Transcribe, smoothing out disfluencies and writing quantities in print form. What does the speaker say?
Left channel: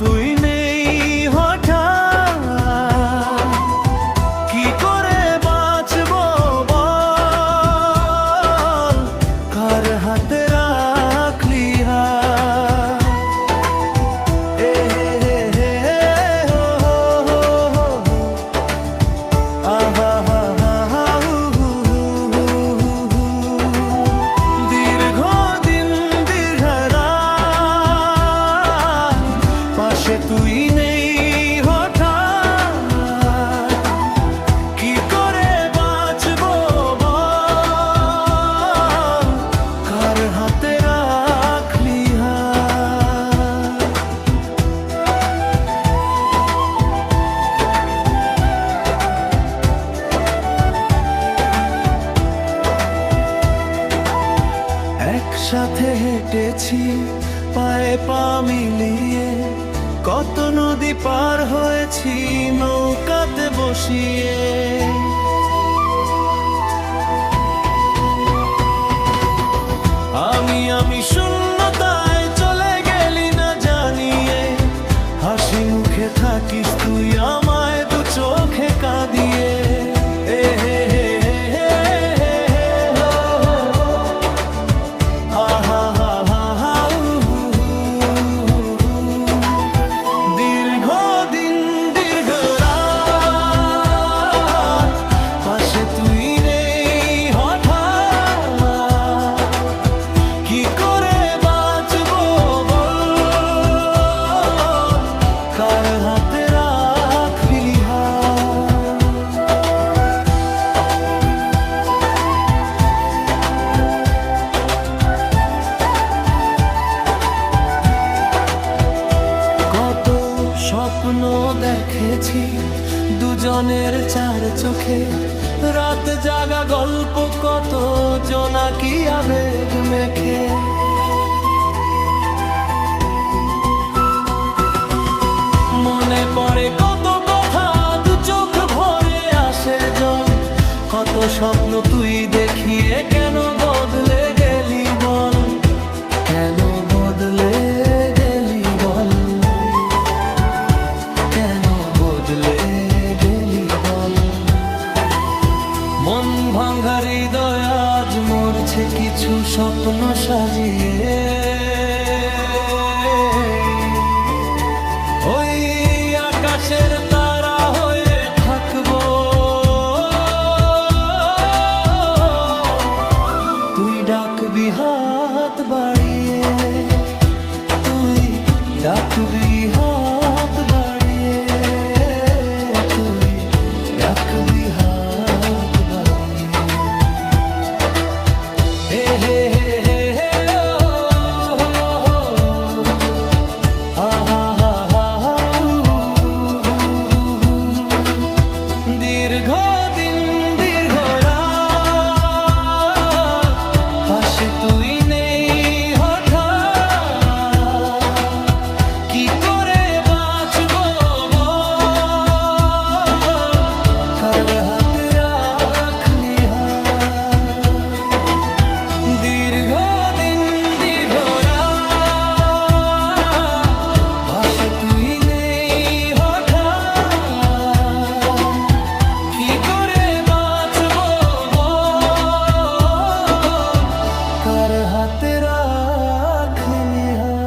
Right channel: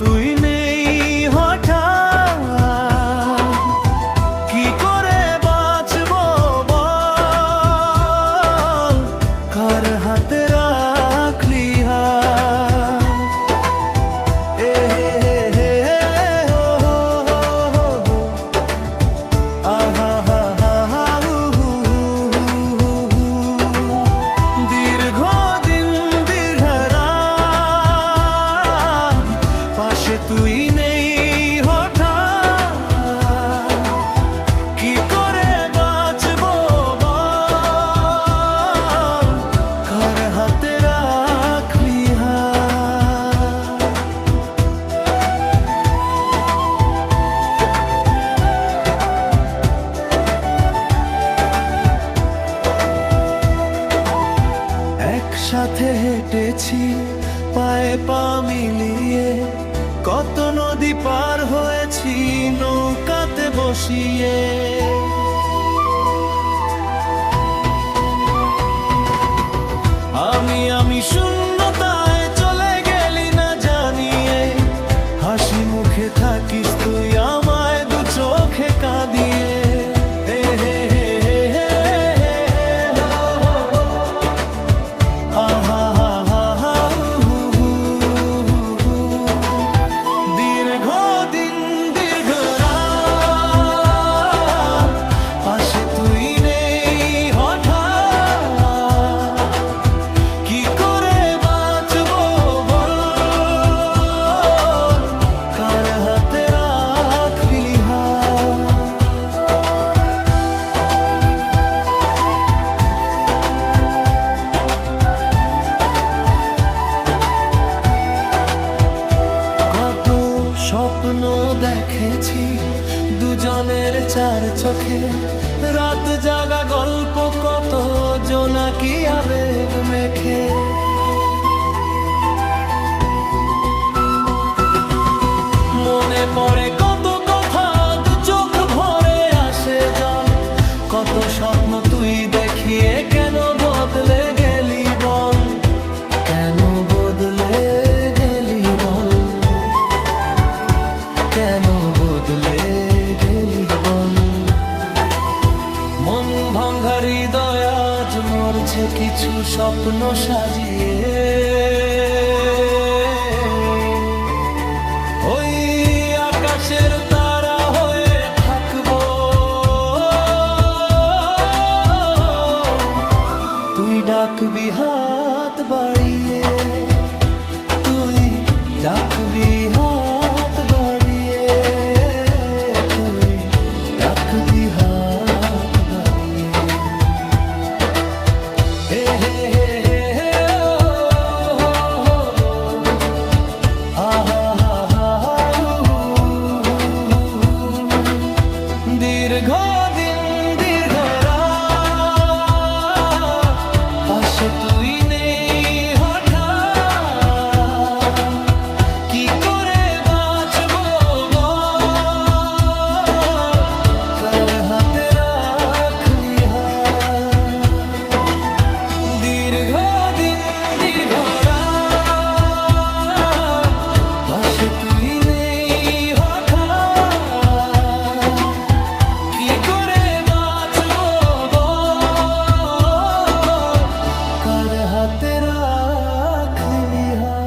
তুই নেই হঠাৎ, কি করে বাঁচবো বল, কার হাতে রাখলি হাত। এ হে হে হে হো হো হো হো হো, আহা হা হা হা হু হু হু হু হু। দীর্ঘদিন দীর্ঘ রাত, পাশে তুই নেই হঠাৎ, কি করে বাঁচবো বল, কার হাতে রাখলি হাত। একসাথে হেঁটেছি পায়ে পা মিলিয়ে, কত নদী পার হয়েছি নৌকাতে বসিয়ে। আমি শূন্যতায় চলে গেলি না জানিয়ে, হাসি মুখে থাকিস তুই আমায় দু চোখে কাঁদিয়ে। এ হে হে হে হে হে হে হো হো, আহা হা হা হা হু হু হু হু হু। দীর্ঘদিন দীর্ঘ রাত, পাশে তুই নেই হঠাৎ, কি করে বাঁচবো বল, কার হাতে রাখলি হাত। কত স্বপ্ন দেখেছি দুজনের চার চোখে, রাত জাগা গল্প কত জোনাকি আবেগ মেখে। মনে পড়ে কত কথা দু চোখ ভরে আসে জল, কত স্বপ্ন তুই দেখিয়ে কেন বদলে গেলি বল, কেন বদলে গেলি বল, কেন বদলে গেলি বল। মন ভাঙা হৃদয় আজ মরছে কিছু স্বপ্ন সাজিয়ে, ওই আকাশের তারা হয়ে থাকবো, তুই ডাকবি হাত বাড়িয়ে, তুই ডাকবি হাত বাড়িয়ে, তুই ডাকবি হাত বাড়িয়ে। হে হে হে হে হে ও হো হো, আহা হা হা হা হু হু হু হু। দীর্ঘদিন দীর্ঘ রাত, পাশে তুই নেই হঠাৎ, কি করে বাঁচবো বল, কার হাতে রাখলি হাত। দীর্ঘদিন দীর্ঘ রাত, পাশে তুই নেই হঠাৎ, কি করে বাঁচবো বল, কার হাতে রাখলি হাত।